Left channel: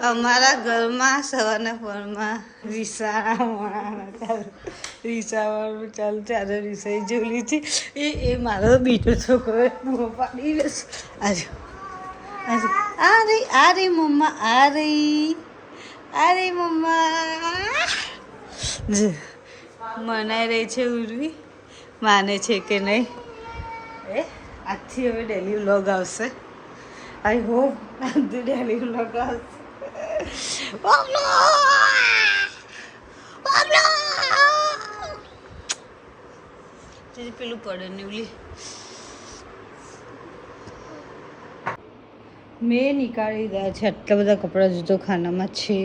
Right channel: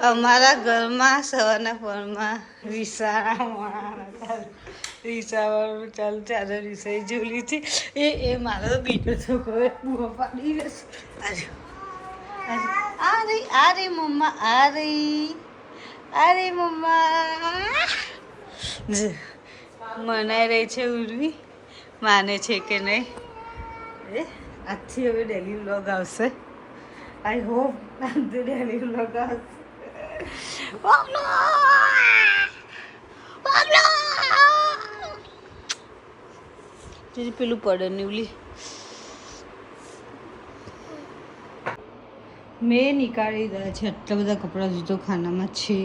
અમારા ઘરમાં સવારના પરમાં રીસાવાળું ચાલુ ચાલે રીસાઈ જોલી છે એ મારો બીજો છોકરો બુઓ પાડી લેશે આજે આજે આ રે મમ્મા આ રે મમ્મા મનાઈ રહી છે ઉર્વી માને છે કે નહીં આજથી હવે ડેલી વ્લોગ આવશે આઈ હોપ આજથી ડેલી વ્લોગ આવશે પેલું પડે નીવલી મેં નીકાળી રહ્યા છે આટલા બધા કપડાં જુદો ખાનામાં છે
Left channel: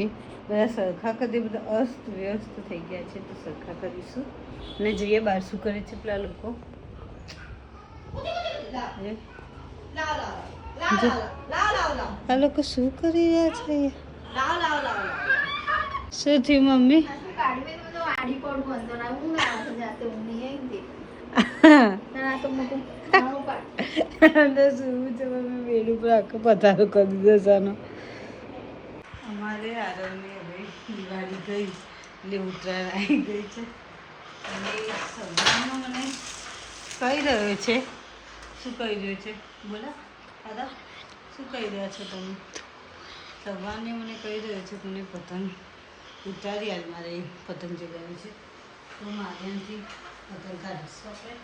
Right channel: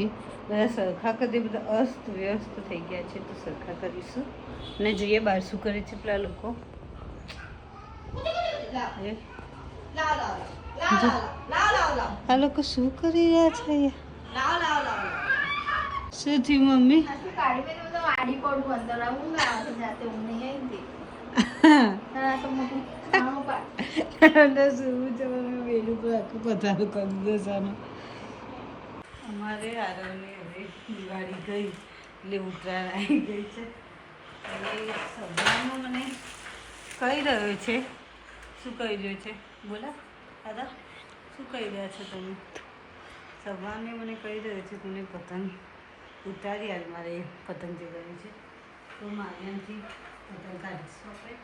બધા સરખા કરી બધા અસ્ત વ્યસ્ત થઈ ગયા છે તો સરખા કરીશું અને જોઈએ બહાર શું કરે છે પેલા લોકો આ લોકો શું કરી રહ્યા છે શું થયું મમ્મી વેલું પર આખો પધારો કરી દીધો સાનો અમારે આરવને હવે દિવાળી ગઈ એટલે ઉત્તરાયણ આવી ગઈ છે અને સવારમાં મને કહી રહ્યો છે શું કહી રહ્યો છે બોલા દાદા શું કહી રહ્યા છો તમે સવારને મને કહી રહ્યો છે મને પતંગ ઉતારી આજ મારે પતંગ જગાવી છે તો માધ્યમથી પતંગ કાઢીશું આપણે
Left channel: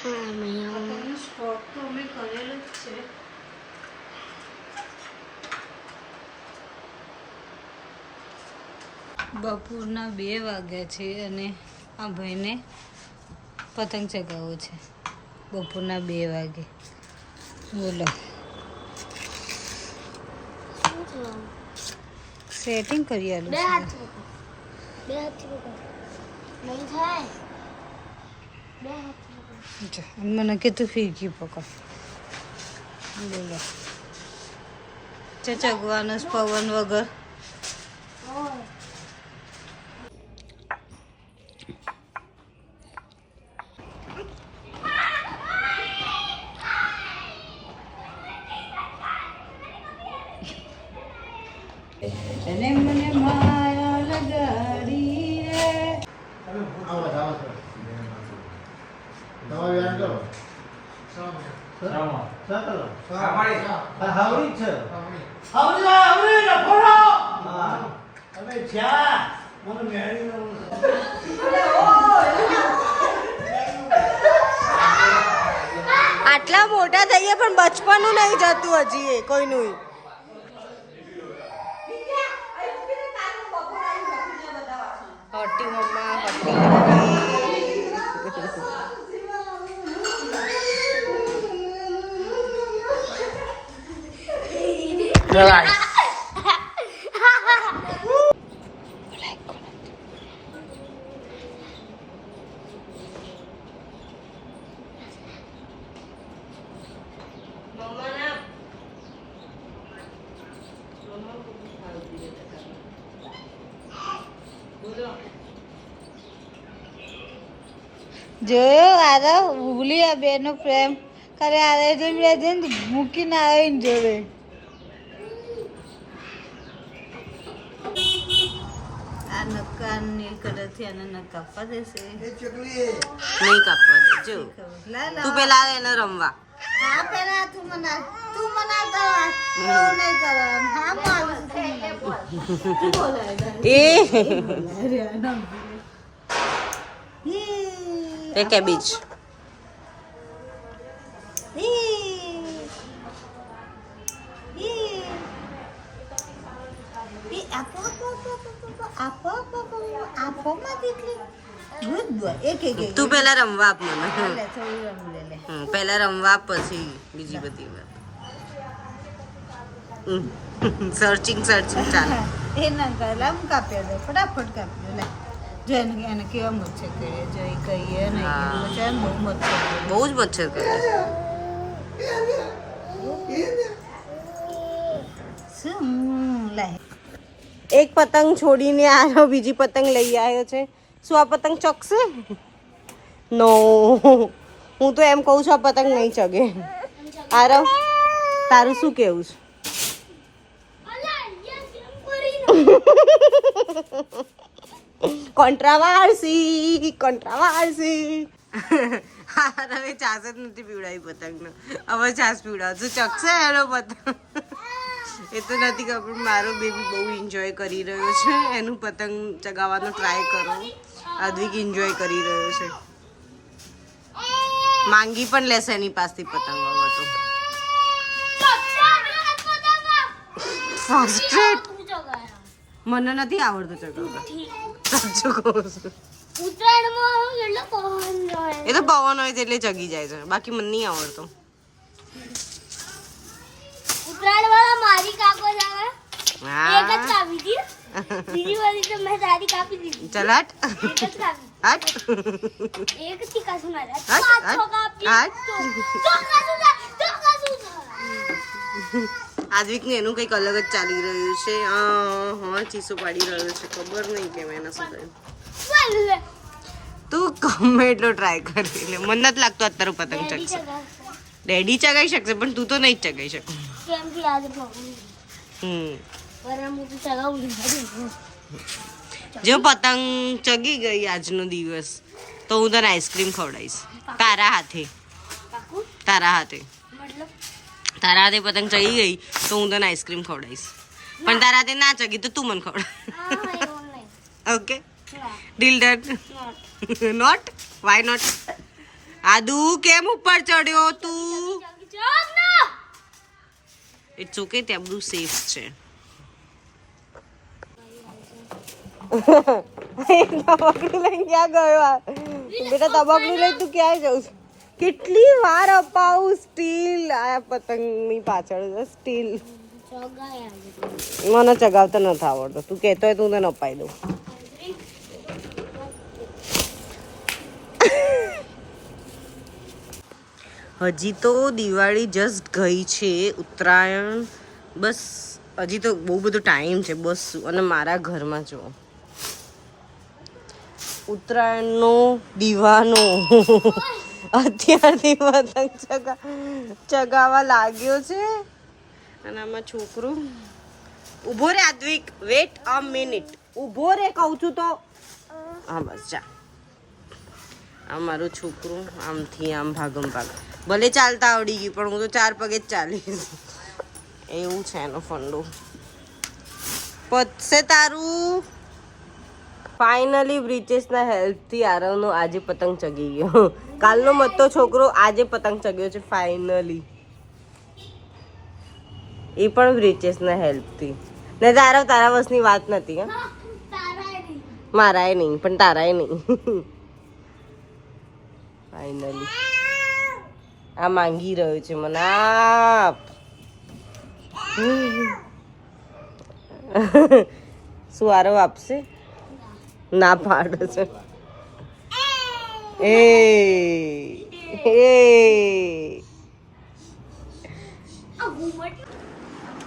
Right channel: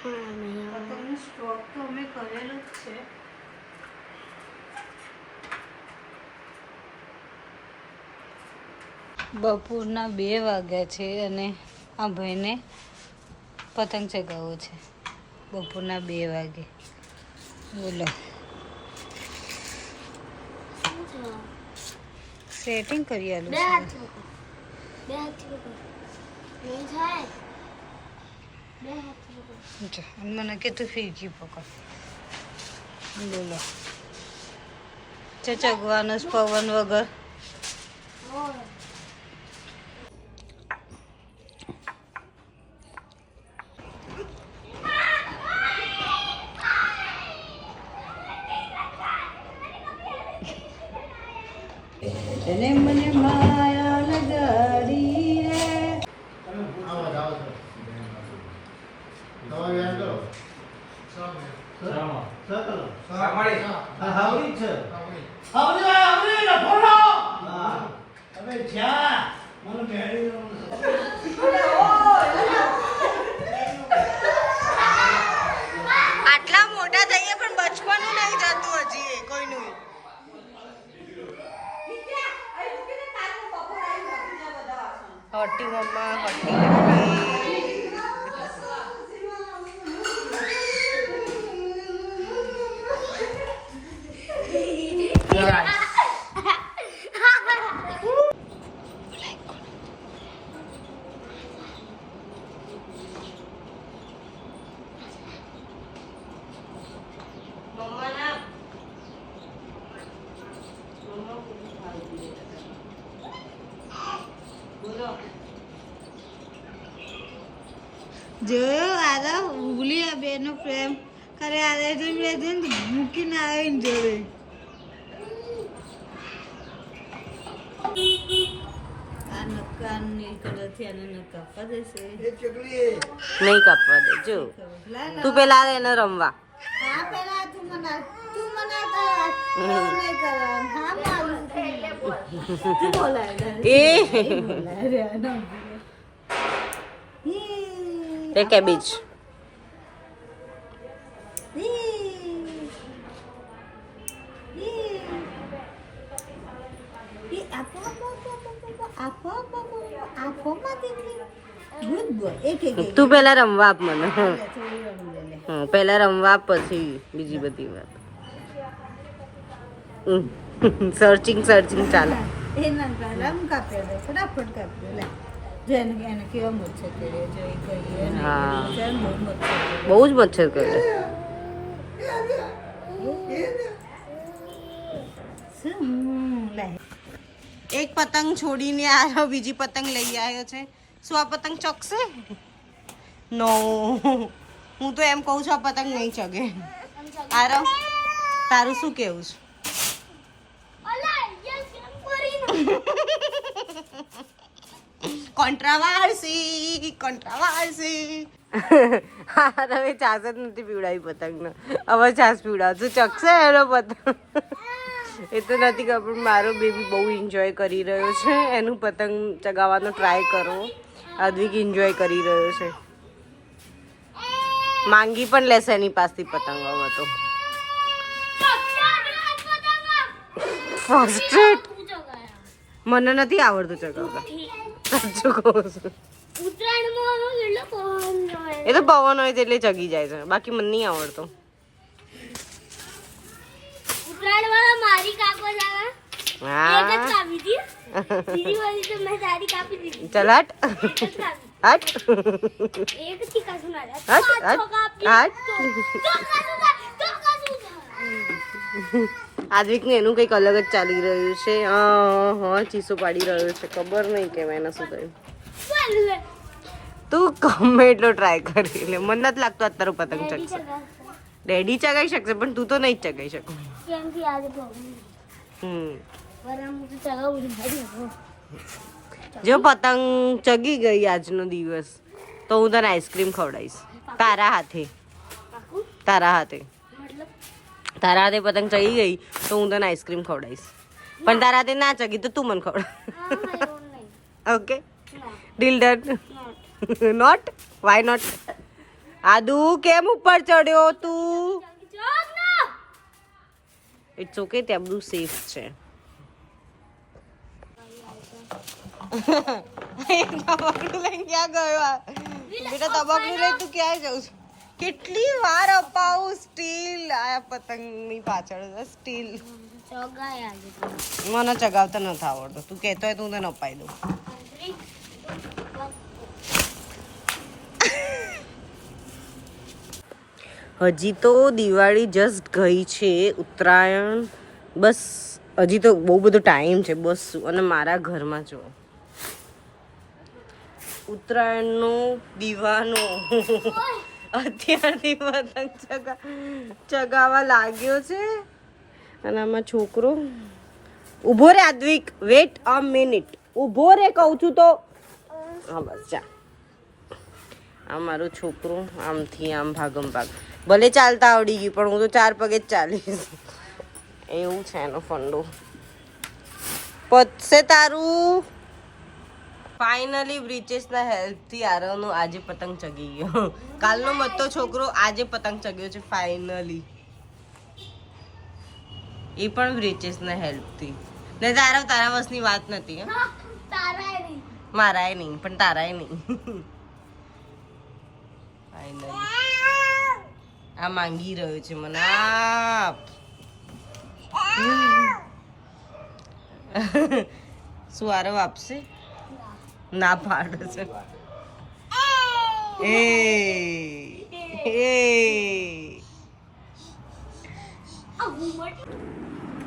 પતંગનો સ્ટોક તો અમે કરેલો જ છે બપોરના 2 વાગ્યા છે અને આ ભાઈને પતંગ ચગાવવો છે બપોરના 2 વાગે બોલો સેટિંગ કરી આલું મને કીધું ફીરકી પકડ બોલો ચગવાનો પવન વગર એને મને માયા લગાડી રે આટલા મોટા થઈએ પણ બચપનનું નહીં જતું હજી કોઈનું હોટી મમ્મા હોટી જોયો આરવ ભૂલી આ બેનો પ્રેમ કરે આરવ મૂકીને આવે ને જોડે આ નક્કા નીકળેથી આને ન કાપવા દેશે નહીં કાપવા દે જો તું પેલા એને રમવા હા પેલા તું મના નહીં કરવા હા મારું એ કેબેજ તું પેલા રમવા આપ મને પેલા રમવા આપ પછી બીજી બધી વાત સર્ચિંગ ચાલે એ ના પહેલા કાપી દે ફટાફટ કાપી લે જેને એને કેવા મચ્છર કરે જોઈ કહીએ ને બહુ જ મચ્છર કરે એક પતંગ છોડીને આવ્યો બીજી પતંગ લઈ આવ્યો છે શું આ પતંગ ચગશે નો હું તો એમ કહું છું આ પતંગ નહીં ચગે આરવ તારું શું કેવું છે? કોન્ટ્રાવર્સી હા હવે છાસ જ નથી પીવડાવી પતંગને. હવે છાસ પીવડાવશું. ચકશે એનો પતંગ એ તો નથી ખબર. મારો બેબી બહુ એન્જોય કરી રહ્યો છે. એનું પતંગ ચગાવવાનો ટ્રાય કરો. અદ્વિક એન્જોય કરી રહ્યો છે. માંગી પણ લેશે એની પાસેથી પતંગ. હવે તો ફ્રસ્ટ્રેટ. મને નથી આવડતું ચગાવતા. સાચું કહું છું. એ તો પવન હોય એટલે ચગી જાય છે. બાકી મને નહીં આવડતો. ચલ હટ આદવિક ને એનું કઈક અલગ જ ચાલી રહ્યું છે. હા ચીસો પાડી રહ્યો છે. ખબર નહીં કેમ એના સુધી. તું ગમે એટલો ટ્રાય કરી લે. મને નથી લાગતું અત્યારે પતંગ ચગશે. ડેડી ચગાઈ શકશે પણ તું તો નહીં જ ચગાઈ શકું. જો પતંગ ચગી ગઈ આજનો દિવસ તો હું તને આઈસ્ક્રીમ ખવડાવીશ તારા હાથે. તારા હાથે પતંગ ચગી ગઈ તો હું તને આઈસ્ક્રીમ ખવડાવીશ. પણ તારા હાથે ના ચગી તો તું મને ખવડાવ. Okay deal done. Not why not? આદુ કેમ ઉપર ચડ્યો તું? ઇટ્સ ઓકે ત્યાં બધું સેફ છે. તબકડું લઈને ક્યાં ગયો? બેટા તબકડું લઈ તું ક્યાં જવું છું? કેટલી વાર અપાવું સ્ટીલ આ પતંગની પાછળ. સ્ટીલ મને ચગાવતા નથી આવડતો. તું કહેતો હોય તો હું તને અપાઈ દઉં. હજી તો દિવાળી જસ્ટ ગઈ છે. ઉત્તરાયણ બસ હજી તો બહુ બધો ટાઈમ છે બસ. અને મારા ઘરમાં જો ઉત્તરાયણનો દીવાનો અત્યારથી પતંગ ચગાવવા લાગ્યો છે. અને આમાં છોકરો ઊભો રે. આદ્વિક વેટ અ મિનિટ. ઊભો રે કહું છું તો. હા બસ જા. આ મારો છોકરો આમથી આમ ભાગમ ભાગ. ભલે ચાલતા આવડી ગયું પણ હું તો 4 પગે જ ચાલીશ. એવું છે એનો ફંડો. પતશે તારું. ફાઇનલી બ્રિચેસના હેલ્પથી આરવનો આજે પતંગ ચગી ગયો. કાલનો મતો છોકરો આજે પતંગ ચગ્યો છે ફાઇનલી. એ પણ બ્રિચેસના હેલ્પથી. ને આરવ તારા વસની વાત નથી. મારાય નહીં પણ તારાય નહીં. ફાઇનલી આ માંગી રહ્યો છે મને આપ. શું આરવ આપશે? ના પાડે છે.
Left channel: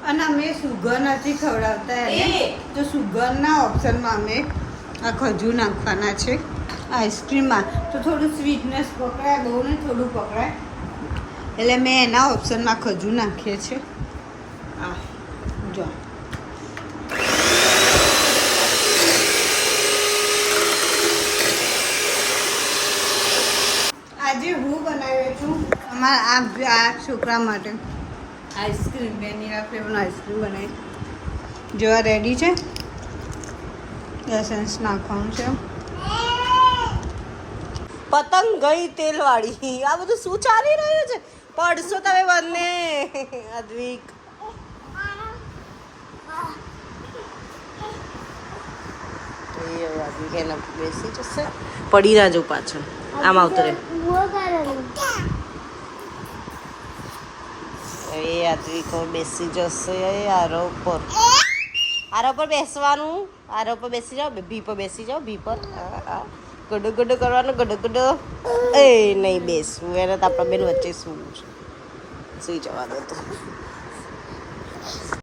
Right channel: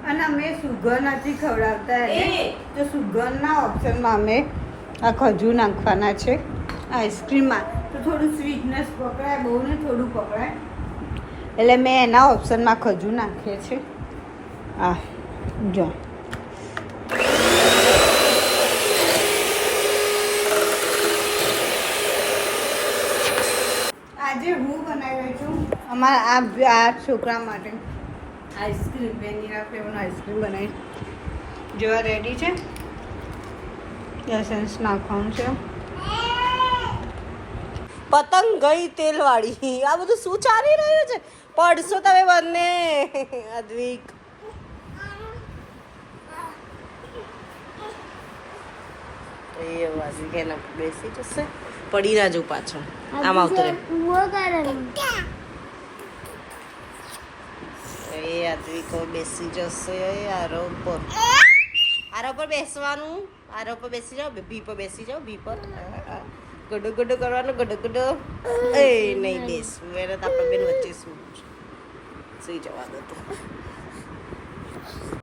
અને અમે સુગર નથી ખવડાવતા એને. તો સુગરના ઓપ્શનમાં અમે આ ખજૂર નાખવાના છે આઈસ્ક્રીમમાં. તો થોડું સ્વીટનેસ પકડાય. બહુ ને થોડું પકડાય. એટલે મેં એના ઓપ્શનમાં ખજૂર નાખીએ છીએ. હા જો આજે હું બનાવી છું અમારા આ છોકરા માટે આઈસ્ક્રીમ. વેનીલા ફ્લેવરનો આઈસ્ક્રીમ બનાવી. જો રેડી છે. એસેન્સ નાખવાનું છે. પતંગ ગઈ તેલવાળી. આ બધું શું ચાલી રહ્યું છે? પડશો તમે બંને. અદ્વિક અદ્વિક એના બેસી જશે. પડી ના જવું પાછળ. આમ આવતું રે. એ અદ્વિક બેસી જશે. આરવ પર બેસવાનું. આરવ પર બેસી જાઓ. ભી પર બેસી જાઓ. ભી પર ગડો ગડો કરવાનો. ગડો ગડો. એ નહીં બેસવું. એને તો આપણા બેન વચ્ચે શું સુઈ જવા દો.